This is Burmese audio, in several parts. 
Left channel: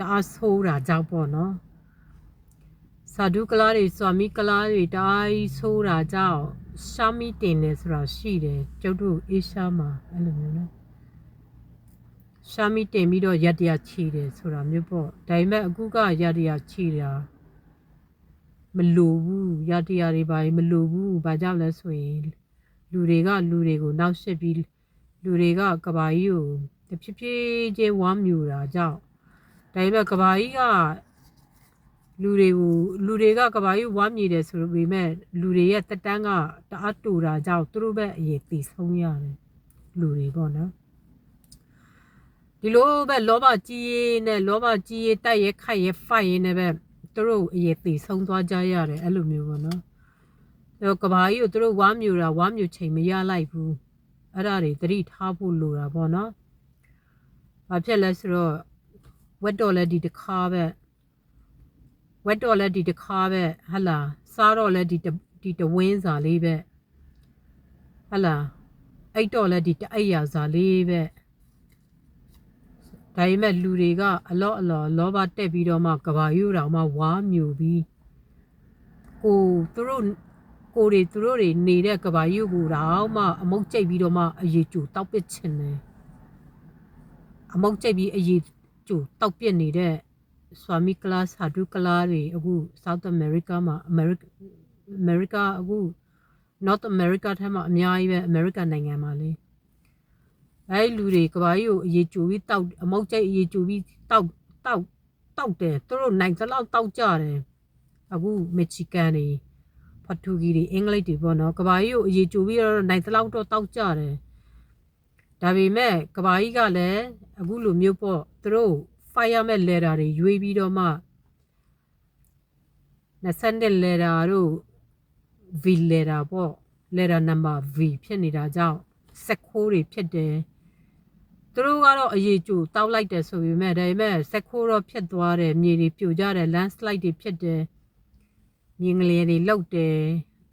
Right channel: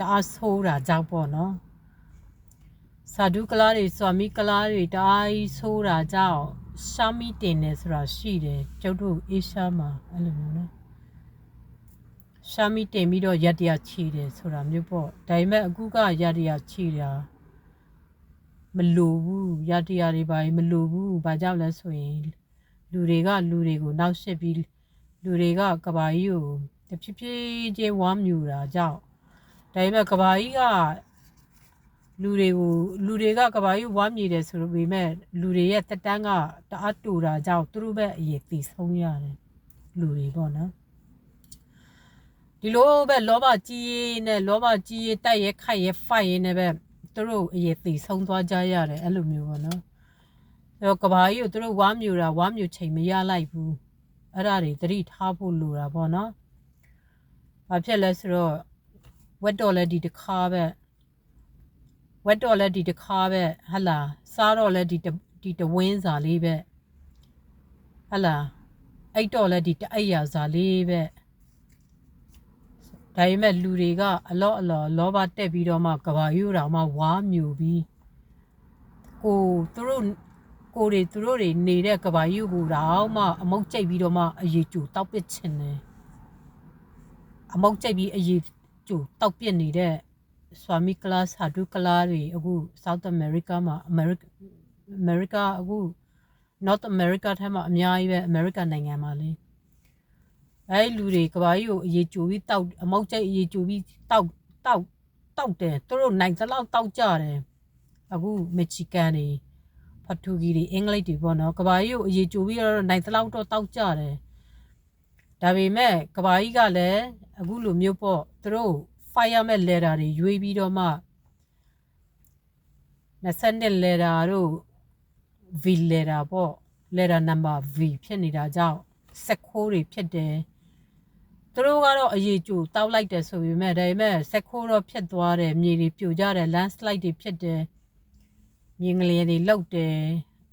တာဆိုးတာကြောင့်ပေါ့နော်စာဒုကလာတွေစွာမိကလာတွေတအားဆိုးတာကြောင့်ရှာမီတင်နေဆိုတာရှိတယ်ကျုပ်တို့အေရှားမှာအဲ့လိုမျိုးနော်ရှာမီတင်ပြီးတော့ရတရချီတယ်ဆိုတာမျိုးပေါ့ဒါပေမဲ့အခုကရတရချီတာမလိုဘူးရတရတွေပါမလိုဘူးဘာကြောင့်လဲဆိုရင်လူတွေကိုနောက်ရှစ်ပြီးလူတွေကကဘာကြီးကိုတဖြည်းဖြည်းချင်းဝမ်းမြူတာကြောင့်ဒါပေမဲ့ကဘာကြီးကလူတွေကကဘာကြီးဝမ်းမြူတယ်ဆိုပေမဲ့လူတွေရဲ့တက်တန်းကတအားတူတာကြောင့်သူတို့ပဲအရေးတည်ဆုံးရတယ်လူတွေပေါ့နော်ဒီလိုပဲလောဘကြီးနဲ့လောဘကြီးတိုက်ရဲခိုက်ရဲဖိုက်ရဲနဲ့ပဲသူတို့အရေးတည်ဆုံးသွားကြရတယ်အဲ့လိုမျိုးပေါ့နော်အဲ့တော့ကဘာကြီးကိုသူတို့ဝမ်းမြူချိန်မရလိုက်ဘူးအဲ့ဒါတွေသတိထားဖို့လိုတာပေါ့နော်ဘာဖြစ်လဲဆိုတော့ဝက်တော်လဲဒီတစ်ခါပဲဝက်တော်လဲဒီတစ်ခါပဲဟလာစားတော့လဲဒီတဝင်းစာလေးပဲဟလာအိတ်တော့လဲဒီတအိတ်ရစာလေးပဲဒါပေမဲ့လူတွေကအလော့လောဘတက်ပြီးတော့မှကဘာယူတော်မှဝါမြူပြီးသူတို့တွေနေတဲ့ကဘာယူကိုတော့မှအမုတ်ကျိတ်ပြီးတော့မှအရေးကျူတောက်ပစ်ချင်တယ်အမုတ်ကျိတ်ပြီးအရေးကျူတောက်ပစ်နေတဲ့ဆွာမီကလာစာဒုကလာတွေအခု South America မှာ America အခု North America ထဲမှာအများကြီးပဲ America နိုင်ငံမှာလေအဲ့လူတွေကဘာကြီးကိုအရေးကျူပြီးတောက်အမုတ်ကျိတ်အရေးကျူပြီးတောက်တယ်သူတို့နိုင်သလောက်တောက်ကြတယ်အခုမက်ဆီကန်တွေဖတူဂီတွေအင်္ဂလိပ်တွေပေါ့နော်ကဘာကြီးကိုအရေးကျူပြီးတော့နိုင်သလောက်တော့တောက်ကြတယ်ဒါပေမဲ့ကဘာကြီးကလည်းအခုလိုမျိုးပေါ့သူတို့ fireman letter တွေရွေးပြီးတော့မှ20 letter တို့ V letter ပေါ့ letter number V ဖြစ်နေတာကြောင့်စက်ခိုးတွေဖြစ်တယ်သူတို့ကတော့အရေးကျူတောက်လိုက်တယ်ဆိုပေမဲ့ဒါပေမဲ့စက်ခိုးတော့ဖြစ်သွားတယ်မြေတွေပြိုကျတယ် landslide တွေဖြစ်တယ်မြင်းငလျင်တွေလှုပ်တယ်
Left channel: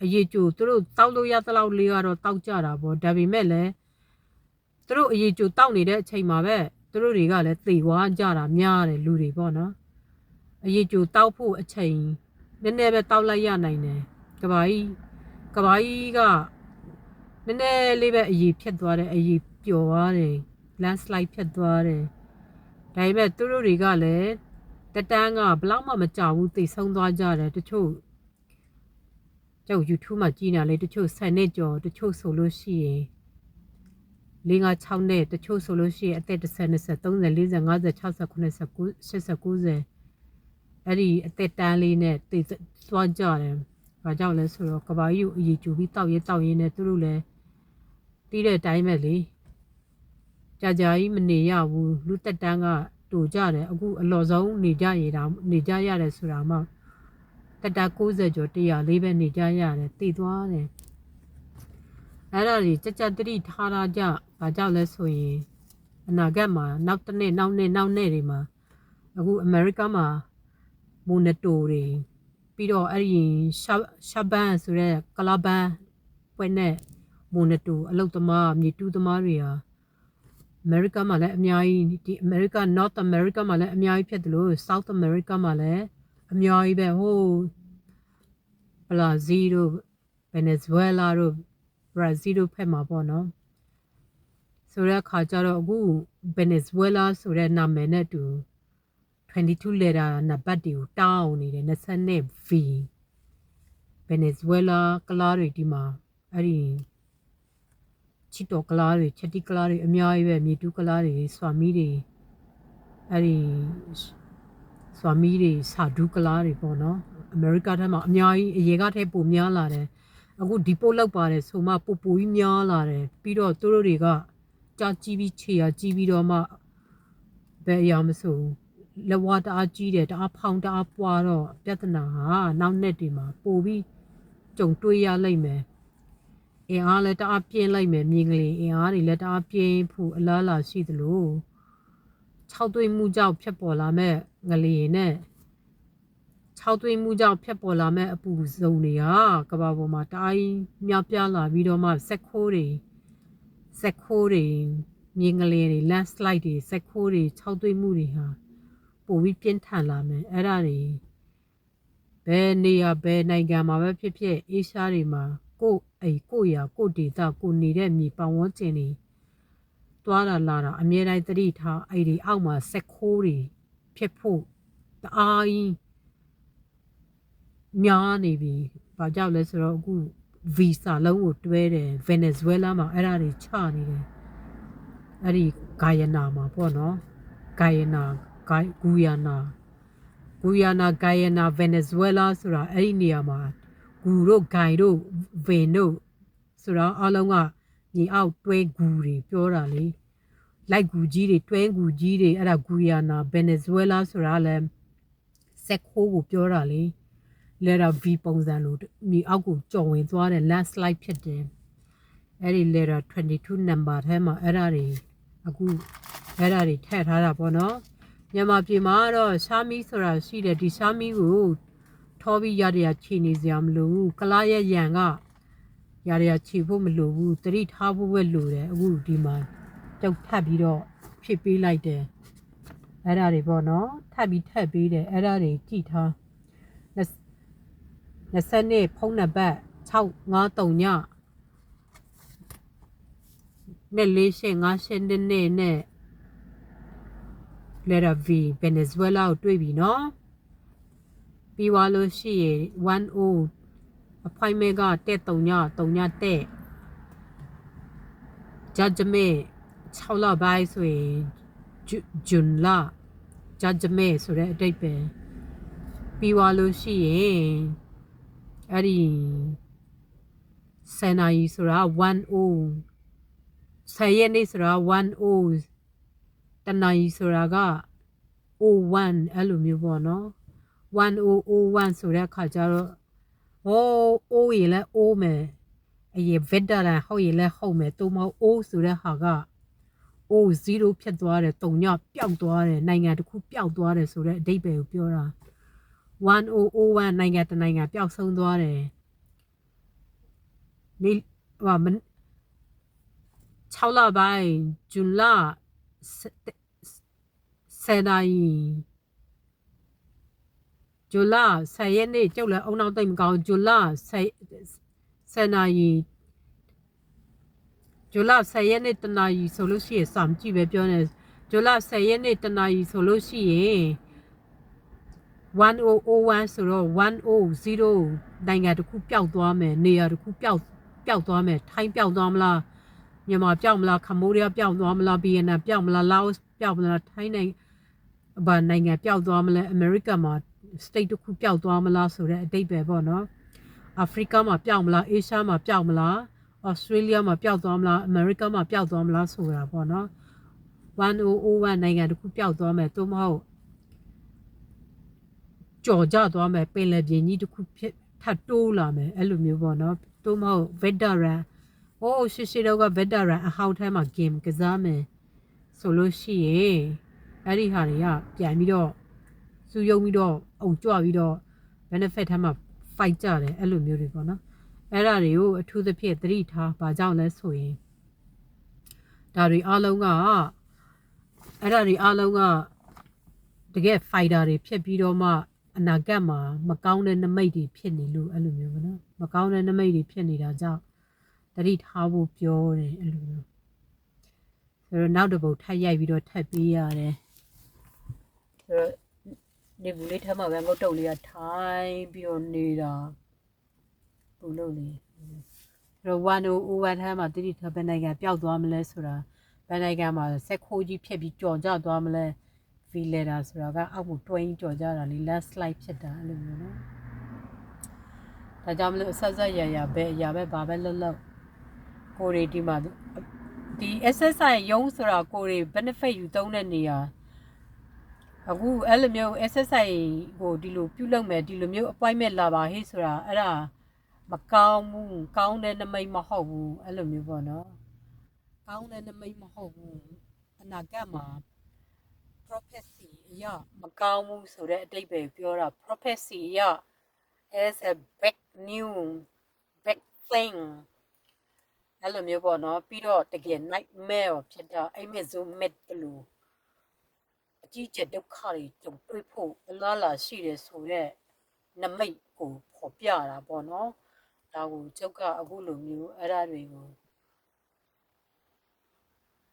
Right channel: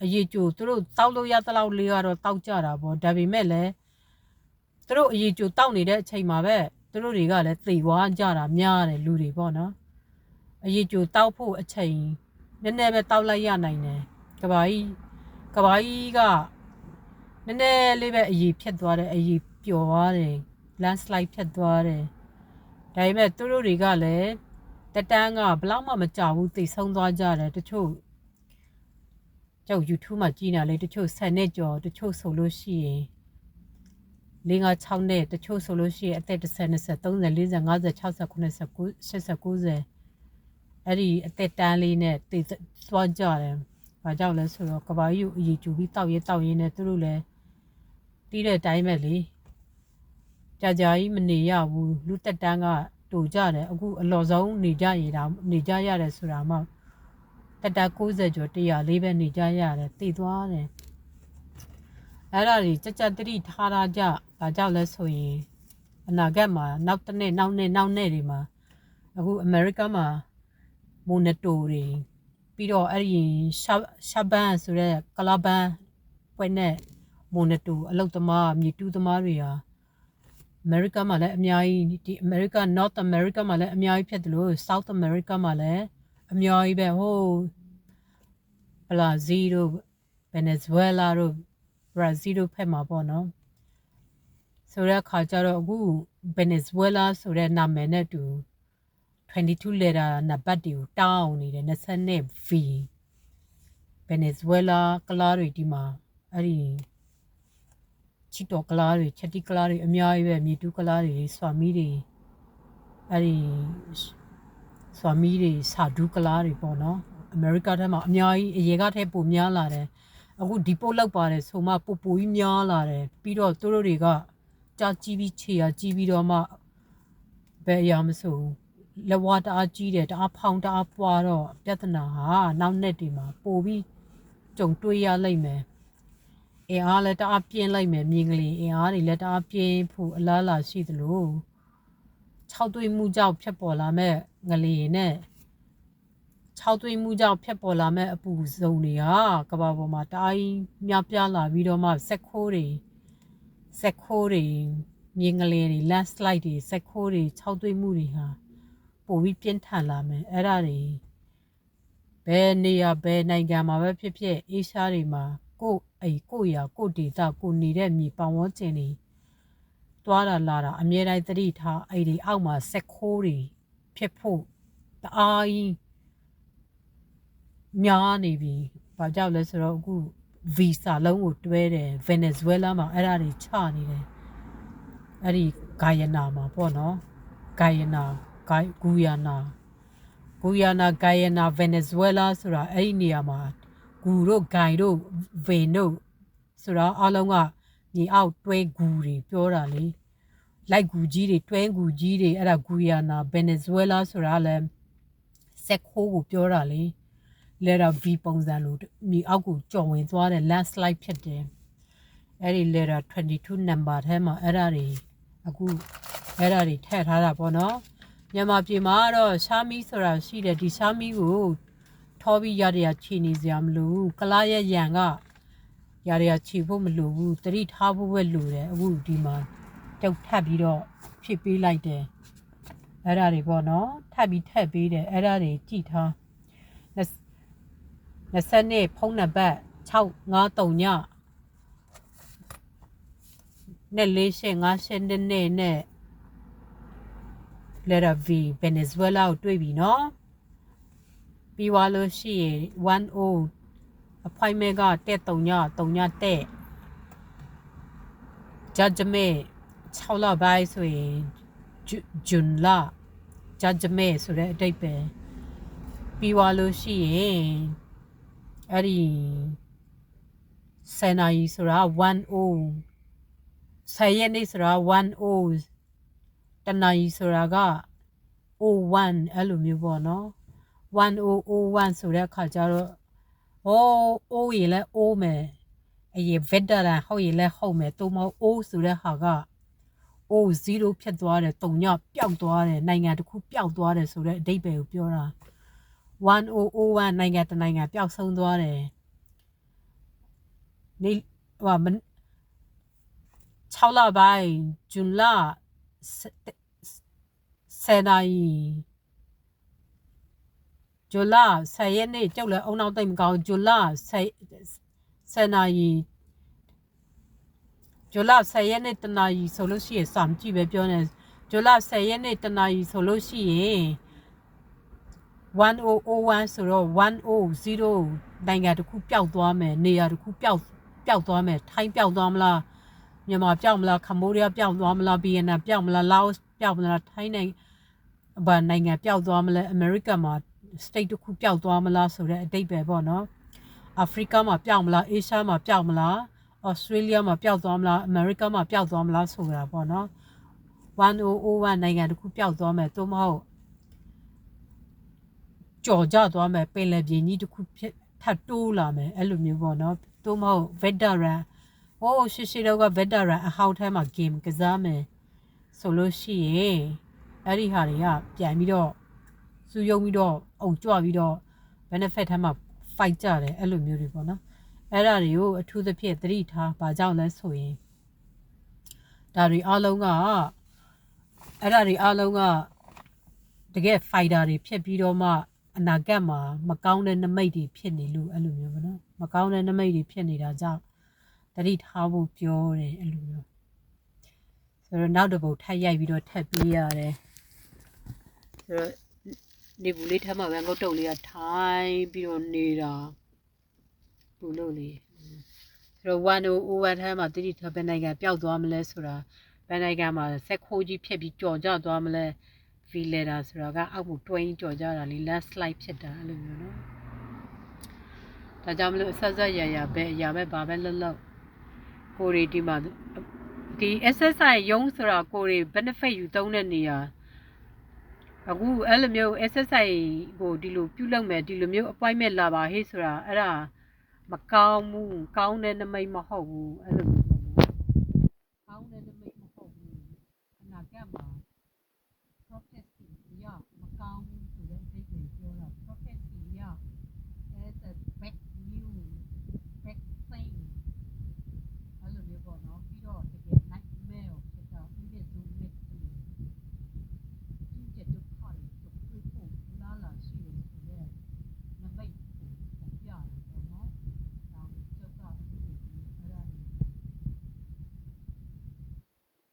အရေးကျူသူတို့တောက်လို့ရသလောက်လေးကတော့တောက်ကြတာပေါ့ဒါပေမဲ့လည်းသူတို့အရေးကျူတောက်နေတဲ့အချိန်မှာပဲသူတို့တွေကလည်းသေသွားကြတာများတယ်လူတွေပေါ့နော်အရေးကျူတောက်ဖို့အချိန်နည်းနည်းပဲတောက်လိုက်ရနိုင်တယ်ကဘာကြီးကနည်းနည်းလေးပဲအရေးဖြစ်သွားတယ်အရေးပျော်သွားတယ် landslide ဖြစ်သွားတယ်ဒါပေမဲ့သူတို့တွေကလည်းတက်တန်းကဘလောက်မှမကြောက်ဘူးသိဆုံးသွားကြတယ်တချို့ကျောက် YouTube မှာကြည့်နေလေတချို့10နှစ်ကျော်တချို့ဆိုလို့ရှိရင်5-6နှစ်တချို့ဆိုလို့ရှိရင်အသက်10 20 30 40 50 60 90 80 90အဲ့ဒီအသက်တန်းလေးနဲ့သိသွားကြတယ်ဘာကြောင့်လဲဆိုတော့ကဘာကြီးကိုအရေးကျူပြီးတောက်ရင်းနဲ့သူတို့လည်းတီးတဲ့အတိုင်းပဲလေကြာကြီးမနေရဘူးလူတက်တန်းကတူကြတယ်အခုအလော်ဆုံးနေကြရတယ်ဆိုတာမှတက်တာ90ကျော်100ပဲနေကြရတယ်တည်သွားတယ်အဲ့ဒါကြီးကြက်တိထားတာကြဘာကြောင့်လဲဆိုရင်အနာဂတ်မှာနောက်နှစ်တွေမှာအခုအမေရိကမှာမိုနတိုတွေပြီးတော့အဲ့ဒီရှာဘန်ဆိုတဲ့ကလာဘန်ပွဲနဲ့မိုနတိုအလုတ်သမားမြေတူးသမားတွေဟာအမေရိကမှာလည်းအများကြီးဒီအမေရိက North America မှာလည်းအများကြီးဖြစ်တယ်လို့ South America မှာလည်းအများကြီးပဲဟိုဘရာဇီးတို့ဗင်နီဇွဲလားတို့ဘရာဇီးတို့ဖက်မှာပေါ့နော်ဆိုတဲ့အခါကျတော့အခုဗင်နီဇွဲလားဆိုတဲ့နာမည်နဲ့တူ22 letter နံပါတ်တွေကိုတောင်းနေတယ်20 V ဗင်နီဇွဲလားကလာတွေဒီမှာအဲ့ဒီချီတော်ကလာတွေချက်တီကလာတွေအများကြီးပဲမြေတူးကလာတွေဆွာမီတွေအဲ့ဒီဆွာမီတွေစာဒူးကလာတွေပေါ့နော်အမေရိကထဲမှာအများကြီးအရေကထဲပိုများလာတယ်အခုဒီပို့လောက်ပါတယ်ဆိုမှပိုကြီးများလာတယ်ပြီးတော့သူတို့တွေကကြာကြီးပြီးခြေရကြီးပြီးတော့မှဘယ်အရာမဆိုလက်ဝါးတအားကြီးတယ်တအားဖောင်းတအားပွားတော့ပြဿနာဟာနောက်နှစ်ဒီမှာပိုပြီးကြုံတွေ့ရလိမ့်မယ်အင်အားလည်းတအားပြင်းလိုက်မယ်မြင်ကလေးအင်အားတွေလည်းတအားပြင်းဖို့အလားလာရှိသလို6သွေးမှုကြောင့်ဖြစ်ပေါ်လာမဲ့ငလျင်နဲ့6သွေးမှုကြောင့်ဖြစ်ပေါ်လာမဲ့အပူစုံတွေကကဘာပေါ်မှာတအားများပြားလာပြီးတော့မှစက်ခိုးတွေမြင်ကလေးတွေ landslide တွေစက်ခိုးတွေ6သွေးမှုတွေဟာ ပိုပြီးပြင်းထန်လာမယ်အဲ့ဒါတွေဘယ်နေရာဘယ်နိုင်ငံမှာပဲဖြစ်ဖြစ်အေးရှားတွေမှာကိုရာကိုဒေတာကိုနေတဲ့မြေပတ်ဝန်းကျင်တွေတွားတာလာတာအမြဲတမ်းသတိထားအဲ့ဒီအောက်မှာစက်ခိုးတွေဖြစ်ဖို့တအားကြီးများနေပြီဘာကြောင့်လဲဆိုတော့အခုဗီဇာလုံးကိုတွဲတယ်ဗင်နီဇွဲလားမှာအဲ့ဒါတွေချနေတယ်အဲ့ဒီဂိုင်ယနာမှာပေါ့နော်ဂိုင်ယနာဂူယာနာဂိုင်ယနာဗင်နီဇွဲလားဆိုတာအဲ့ဒီနေရာမှာဂူတို့ဂိုင်တို့ဗင်တို့ဆိုတော့အားလုံးကမြေအောက်တွဲဂူတွေပြောတာလေလိုက်ဂူကြီးတွေတွဲဂူကြီးတွေအဲ့ဒါဂူယာနာဗင်နီဇွဲလားဆိုတာလည်းစက်ခိုးကိုပြောတာလေletter V ပုံစံလို့မြေအောက်ကိုကြော်ဝင်သွားတယ် landslide ဖြစ်တယ်အဲ့ဒီ letter 22 number ထဲမှာအဲ့ဒါတွေအခုအဲ့ဒါတွေထည့်ထားတာပေါ့နော်မြန်မာပြည်မှာတော့ရှာမီဆိုတာရှိတယ်ဒီရှာမီကိုထောပြီးရရချီနေစရာမလိုဘူးကလာရဲ့ရန်ကရရချီဖို့မလိုဘူးတတိထားဖို့ပဲလိုတယ်အခုဒီမှာတုတ်ထပ်ပြီးတော့ဖြစ်ပေးလိုက်တယ်အဲ့ဒါတွေပေါ့နော်ထပ်ပြီးထည့်ပေးတယ်အဲ့ဒါတွေကြည့်ထား20နှစ်ဖုန်းနံပါတ်653ညနဲ့4858နဲ့ letter V Venezuela ကိုတွေ့ပြီနော်ပြီးသွားလို့ရှိရင်10 appointment ကတက်3ညတက် judgment 6လပိုင်းဆိုရင်ဂျွန်လ judgment ဆိုတဲ့အတိတ်ပဲပြီးသွားလို့ရှိရင်အဲ့ဒီ10နာရီဆိုတာ10ရက်နေ့ဆိုတာ10တနာရီဆိုတာက01အဲ့လိုမျိုးပေါ့နော်1001ဆိုတဲ့အခါကျတော့အိုးရလဲအိုးမယ်အရင်ဗက်ဒရန်ဟုတ်ရလဲဟုတ်မယ်တိုးမဟုတ်အိုးဆိုတဲ့ဟာက0ဖြစ်သွားတယ်3ညပျောက်သွားတယ်နိုင်ငံတစ်ခုပျောက်သွားတယ်ဆိုတဲ့အဓိပ္ပာယ်ကိုပြောတာ1001နိုင်ငံတနိုင်ငံပျောက်ဆုံးသွားတယ်နေဟို6လပိုင်းဇွန်လ10နာရီဇွန်လ10ရက်နေ့ကျုပ်လည်းအုံနောက်တိတ်မကောင်းဇွန်လ10နာရီဇွန်လ10ရက်နေ့တနာရီဆိုလို့ရှိရင်စာမကြည့်ပဲပြောနေဇွန်လ10ရက်နေ့တနာရီဆိုလို့ရှိရင်1001ဆိုတော့100နိုင်ငံတစ်ခုပျောက်သွားမယ်နေရာတစ်ခုပျောက်သွားမယ်ထိုင်းပျောက်သွားမလားမြန်မာပျောက်မလားကမ္ဘောဒီးယားပျောက်သွားမလားဗီယက်နမ်ပျောက်မလားလာအိုပျောက်မလားထိုင်းနိုင်ငံပျောက်သွားမလဲအမေရိကမှာ state တစ်ခုပျောက်သွားမလားဆိုတဲ့အတိတ်ပဲပေါ့နော်အာဖရိကမှာပျောက်မလားအေရှားမှာပျောက်မလားဩစတြေးလျမှာပျောက်သွားမလားအမေရိကမှာပျောက်သွားမလားဆိုတာပေါ့နော်1001နိုင်ငံတစ်ခုပျောက်သွားမယ်သို့မဟုတ်ကြော်ကြသွားမယ်ပင်လယ်ပြင်ကြီးတစ်ခုထပ်တိုးလာမယ်အဲ့လိုမျိုးပေါ့နော်သို့မဟုတ် veteran ရှိတော့က veteran အဟောင်းထဲမှာ game ကစားမယ်ဆိုလို့ရှိရင်အဲ့ဒီဟာတွေကပြန်ပြီးတော့စူးယုံပြီးတော့အုံကြွပြီးတော့ benefit ထဲမှာ fight ကြတယ်အဲ့လိုမျိုးတွေပေါ့နော်အဲ့ဒါတွေကိုအထူးသဖြင့်သတိထားဘာကြောင့်လဲဆိုရင်ဒါတွေအားလုံးကတကယ် fighter တွေဖြစ်ပြီးတော့မှအနာဂတ်မှာမကောင်းတဲ့နမိတ်တွေဖြစ်နေလို့အဲ့လိုမျိုးပေါ့နော်မကောင်းတဲ့နမိတ်တွေဖြစ်နေတာကြောင့်သတိထားဖို့ပြောတယ်အဲ့လိုမျိုးဆိုတော့နောက်တစ်ပုတ်ထပ်ရိုက်ပြီးတော့ထပ်ပေးရတယ်ဆိုတော့နေဘူးလေးထပ်မှာပဲငုတ်တုတ်လေးကထိုင်းပြီးတော့နေတာဘူးလို့လေဆိုတော့1001ထဲမှာသတိထားဘယ်နိုင်ငံပျောက်သွားမလဲဆိုတာဘယ်နိုင်ငံမှာဆက်ခိုးကြီးဖြစ်ပြီးကြော်ကြသွားမလဲဗီလက်တာဆိုတာကအောက်ကိုတွဲကြော်ကြတာလေ landslide ဖြစ်တာအဲ့လိုမျိုးနော်ဒါကြောင့်မလို့အဆက်ရပဲအရာပဲဘာပဲလှုပ်ကိုရီဒီမှာဒီ SSI ရုံးဆိုတာကိုရီ benefit ယူသုံးတဲ့နေရာအခုအဲ့လိုမျိုး SSI ကိုဒီလိုပြုလုပ်မယ်ဒီလိုမျိုး appointment လာပါဟေ့ဆိုတာအဲ့ဒါမကောင်းဘူးကောင်းတဲ့နမိတ်မဟုတ်ဘူးအဲ့လိုမျိုးပေါ့နော်ကောင်းတဲ့နမိတ်မဟုတ်ဘူးအနာဂတ်မှာ prophecy အရမကောင်းဘူးဆိုတဲ့အတိတ်ပဲပြောတာ prophecy အရ is a big new big thing အဲ့လိုမျိုးပေါ့နော်ပြီးတော့တကယ် nightmare ဖြစ်တာအိမ်မက်ဆိုးမက်လို့ ကြီးကျယ်ဒုက္ခတွေကြုံတွေ့ဖို့အလားလာရှိတယ်ဆိုတော့နမိတ်ကိုပေါ်ပြတာပေါ့နော်ဒါကိုကျုပ်ကအခုလိုမျိုးအဲ့ဒါတွေကို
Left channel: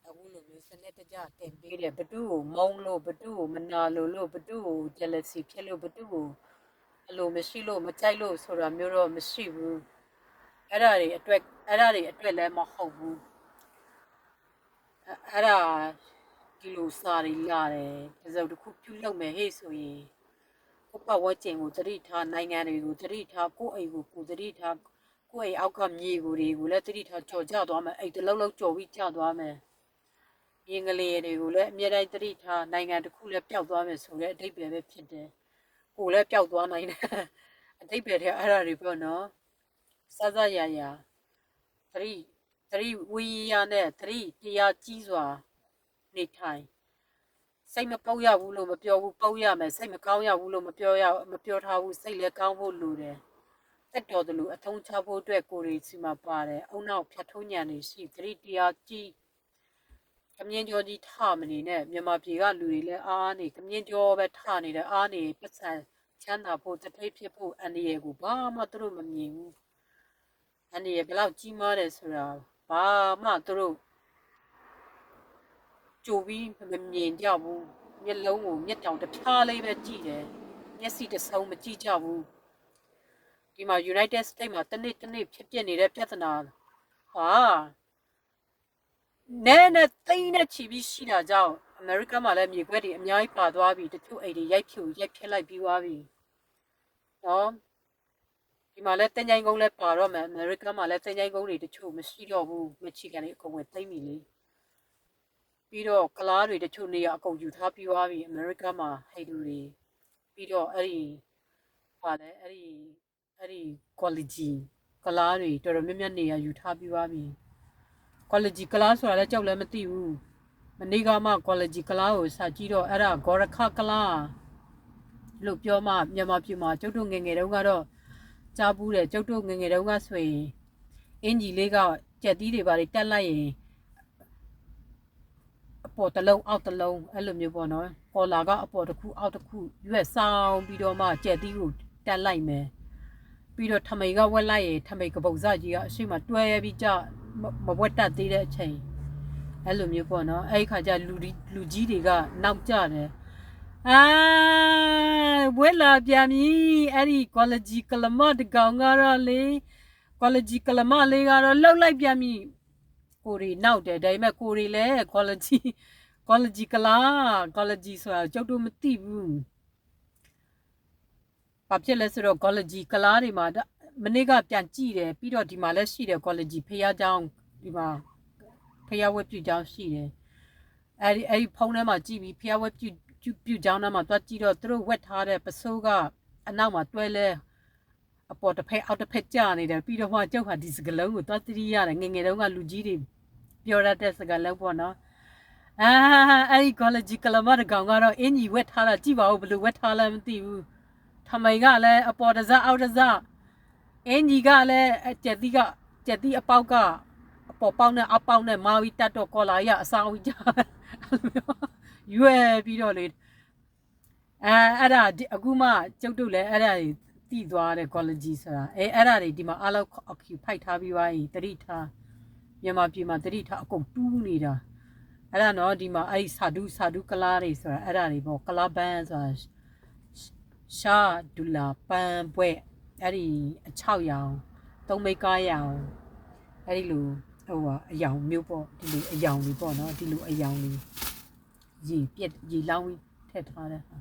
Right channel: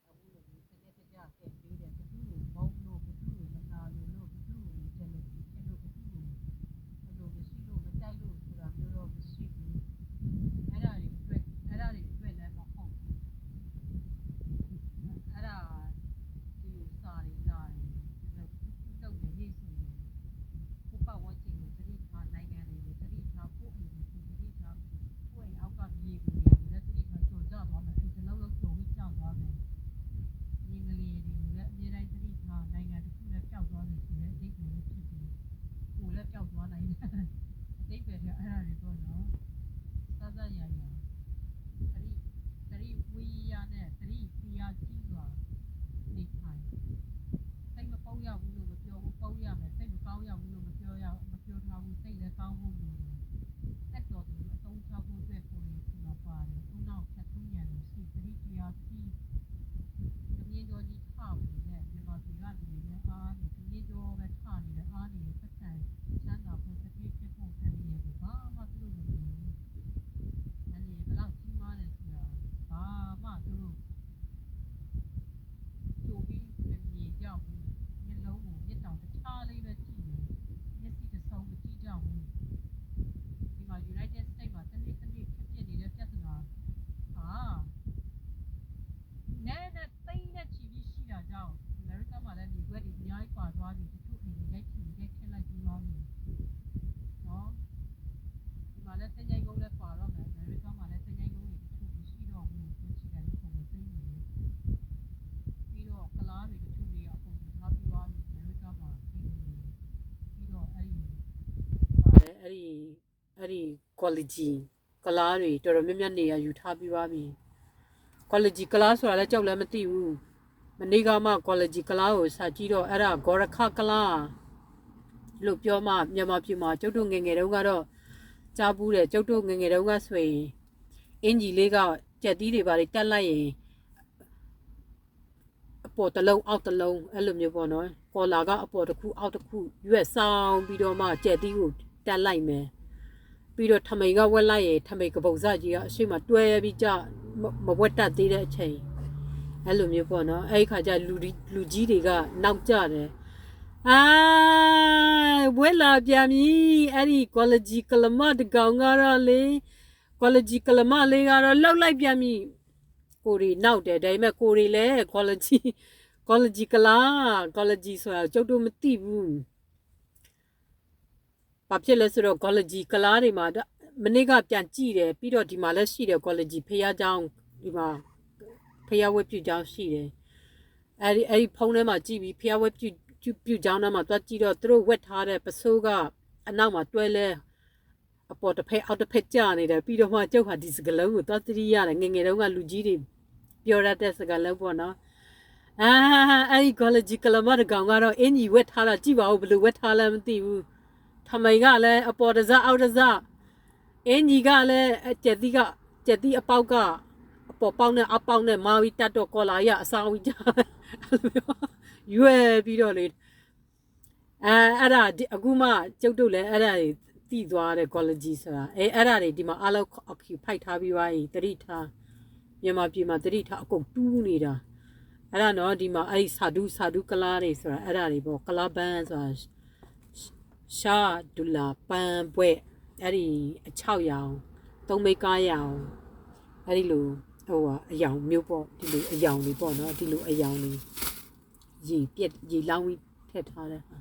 အခုလိုမျိုးစနစ်တကျတင်ပေးတယ်ဘသူ့ကိုမုန်းလို့ဘသူ့ကိုမနာလို့ဘသူ့ကို jealousy ဖြစ်လို့ဘသူ့ကိုအလိုမရှိလို့မကြိုက်လို့ဆိုတာမျိုးတော့မရှိဘူးအဲ့ဒါတွေအတွက်လည်းမဟုတ်ဘူးအဲ့ဒါဒီလိုစာတွေလာတယ်ဒီစုံတစ်ခုပြုလုပ်မယ်ဟဲ့ဆိုရင်ကိုပတ်ဝန်းကျင်ကိုသတိထားနိုင်ငံတွေကိုသတိထားကိုယ့်အိမ်ကိုကိုယ်သတိထားကိုယ့်အိမ်အောက်ကမြေကိုတွေကိုလည်းသတိထားကြော်ကြသွားမယ်အဲ့တလုံးလုံးကြော်ပြီးကြသွားမယ်မြင်ကလေးတွေကိုလည်းအမြဲတမ်းသတိထားနိုင်ငံတစ်ခုလည်းပျောက်သွားမယ်ဆိုတဲ့အဓိပ္ပာယ်ပဲဖြစ်တယ်ကိုယ်လည်းပျောက်သွားနိုင်တယ်အဓိပ္ပာယ်တဲ့အဲ့ဒါတွေပေါ့နော်စစရရသတိဝိရနဲ့သတိတရားကြီးစွာနေထိုင်စိတ်မပေါက်ရဘူးလို့မပြောဘူးပေါက်ရမယ်စိတ်မကောင်းရဘူးလို့မပြောထားဘူးစိတ်လည်းကောင်းဖို့လိုတယ်တက်တော်တယ်လို့အထုံးချဖို့အတွက်ကိုယ်တွေစီမှာပါတယ်အုံနောက်ဖြတ်ထုံးညံနေရှိသတိတရားကြီးကမြင်းကြောကြီးထမနေနဲ့မြန်မာပြည်ကလူတွေလည်းအားနေကမြင်းကြောပဲထနေတယ်အားနေပတ်စံချမ်းသာဖို့တထိပ်ဖြစ်ဖို့အန္တရာယ်ကိုဘာမှသူတို့မမြင်ဘူးအန္တရာယ်ဘယ်လောက်ကြီးမားတယ်ဆိုတာဘာမှသူတို့ကြိုပြီးမမြင်ကြဘူးမျက်လုံးကိုမျက်တောင်တစ်ဖြားလေးပဲကြည့်တယ်မျက်စိတစ်စုံမကြည့်ကြဘူးဒီမှာ United States မှာတနေ့ဖြစ်ပြနေတဲ့ပြဿနာဟာနဲသိန်းနဲ့ချီပြီးရှိတာကြောင့်အမေရိကန်မှာလည်းမြေခွက်တွေအများကြီးပါသွားပြီတချို့အိမ်တွေရိုက်ဖြစ်လိုက်ပြီးသွားပြီနော်ဒီမှာလည်းတင်ကြိုင်ကုန်းလည်းပါတော့မယ်အမေရိကန်မှာလည်းတင်ကြိုင်ကုန်းတွေတချို့မရှိတော့ဘူးမချီကန်တွေအကုန်ဝင်သိမ့်ပြီလေပြီးတော့ကလားတွေတချို့နေရအကုန်ယူထားပြီးသွားပြီအမေရိကန်မှာဟိတ်လူတွေပြီးတော့အဲ့ဒီ quality ကလားတွေတော်တော်များများနေရယူထားပြီးသွားပြီ quality ကလားဆိုတာလည်းကြောက်လည်းမသိဘူးမနေ့ကမှ quality ကလားကိုစာကြည့်တော့အဲ့ဒါဂေါ်ရခကလားလို့ပြောမှမြန်မာပြည်မှာကျုပ်တို့ငငယ်တုန်းကတော့ကြားဘူးတယ်ကျုပ်တို့ငငယ်တုန်းကဆိုရင်အင်ဂျီလေးကကြက်သီးတွေပါတက်လိုက်ရင်အပေါ်တစ်လုံးအောက်တစ်လုံးအဲ့လိုမျိုးပေါ့နော်ကော်လာကအပေါ်တစ်ခုအောက်တစ်ခုရွက်ဆောင်ပြီးတော့မှကြက်သီးကိုတက်လိုက်မယ်ပြီးတော့ထမိန်ကဝက်လိုက်ရင်ထမိန်ကပုတ်စကြီးကအရှိမတွဲပြီးကြမဝက်တတ်သေးတဲ့အချိန်အဲ့လိုမျိုးပေါ့နော်အဲ့ခါကျလူကြီးတွေကနောက်ကြတယ်ဝက်လာပြန်ပြီအဲ့ဒီ quality ကလမတကောင်ကတော့လေ quality ကလမလေးကတော့လှုပ်လိုက်ပြန်ပြီကိုရီနောက်တယ်ဒါပေမဲ့ကိုရီလည်း quality ကလား quality ဆိုတာကျုပ်တို့မသိဘူးဘာဖြစ်လဲဆိုတော့ quality ကလားတွေမှာမနေ့ကပြန်ကြည့်တယ်ပြီးတော့ဒီမှာလည်းရှိတယ် quality ဖျားเจ้าဒီမှာဖျားဝက်ပြူเจ้าရှိတယ်အဲ့ဒီဖုန်းထဲမှာကြည့်ပြီးဖျားဝက်ပြူเจ้าနားမှာတွားကြည့်တော့သူတို့ဝက်ထားတဲ့ပစိုးကအနောက်မှာတွဲလဲအပေါ်တစ်ဖက်အောက်တစ်ဖက်ကြာနေတယ်ပြီးတော့မှကျုပ်ဟာဒီစကလုံးကိုတွားသတိရတယ်ငငယ်တုန်းကလူကြီးတွေပြောရတဲ့စကားလုံးပေါ့နော်အဲ့ဒီ quality ကလမတကောင်ကတော့အင်ကြီးဝက်ထားတာကြည့်ပါဦးဘယ်လိုဝက်ထားလဲမသိဘူးထမိန်ကလည်းအပေါ်တစအောက်တစအင်ကြီးကလည်းကြက်သီးအပေါက်ကအပေါ်ပေါက်နဲ့အောက်ပေါက်နဲ့မာဝီတက်တော့ကော်လာရအဆောင်ကြီးရွယ်ပြီးတော့လေအဲ့ဒါအခုမှကျုပ်တို့လည်းအဲ့ဒါတွေတည်သွားတဲ့ quality ဆိုတာအဲ့ဒါတွေဒီမှာအလောက်ဖိုက်ထားပြီးသွားရင်တတိထားမြန်မာပြည်မှာတတိထားအကုန်တူးနေတာအဲ့ဒါနော်ဒီမှာအဲ့ဒီစာဒူကလားတွေဆိုတာအဲ့ဒါတွေပေါ့ကလားဘန်းဆိုတာရှာဒူလာပန်ပွဲအဲ့ဒီအချောက်ရောင်သုံးမိကားရောင်အဲ့ဒီလိုအယောင်မျိုးပေါ့ဒီလိုအယောင်တွေပေါ့နော်ဒီလိုအယောင်တွေရေလောင်းပြီးထည့်ထားတဲ့ဟာ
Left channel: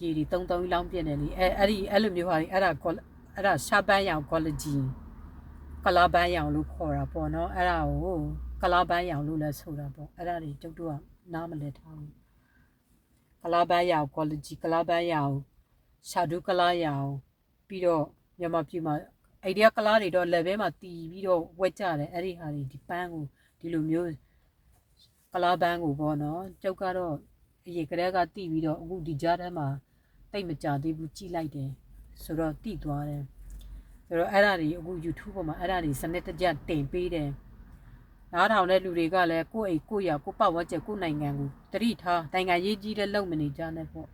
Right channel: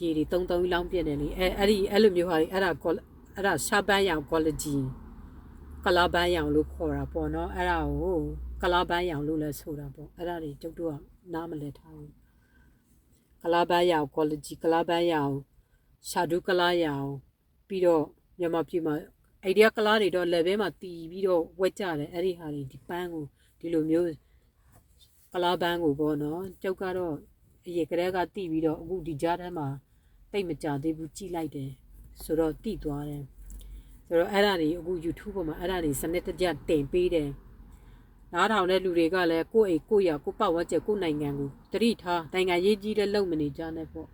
ရေတွေတုံလောင်းပြည့်တယ်လေအဲ့လိုမျိုးဟာတွေအဲ့ဒါရှာပန်းရောင် quality ကလားဘန်းရောင်လို့ခေါ်တာပေါ့နော်အဲ့ဒါကိုကလားဘန်းရောင်လို့လည်းဆိုတာပေါ့အဲ့ဒါတွေကျုပ်တို့ကနားမလည်ထားဘူးကလားဘန်းရောင် quality ကလားဘန်းရောင်ရှာဒူကလားရောင်ပြီးတော့မြန်မာပြည်မှာအဲ့ဒီကလားတွေတော့ level မှာတီးပြီးတော့ဝက်ကြတယ်အဲ့ဒီဟာတွေဒီပန်းကိုဒီလိုမျိုးကလားဘန်းကိုပေါ့နော်ကျုပ်ကတော့အရေကလေးကတီးပြီးတော့အခုဒီကြားထဲမှာတိတ်မကြသေးဘူးကြည့်လိုက်တယ်ဆိုတော့တီးသွားတယ်ဆိုတော့အဲ့ဒါတွေအခု YouTube ပေါ်မှာအဲ့ဒါတွေစနစ်တကျတင်ပေးတယ် နားထောင်တဲ့လူတွေကလည်းကိုယ့်အိမ်ကိုယ့်ရွာကိုယ့်ပတ်ဝန်းကျင်ကိုယ့်နိုင်ငံကိုတတိထားနိုင်ငံရေးကြီးတဲ့လုံမနေကြနဲ့ပေါ့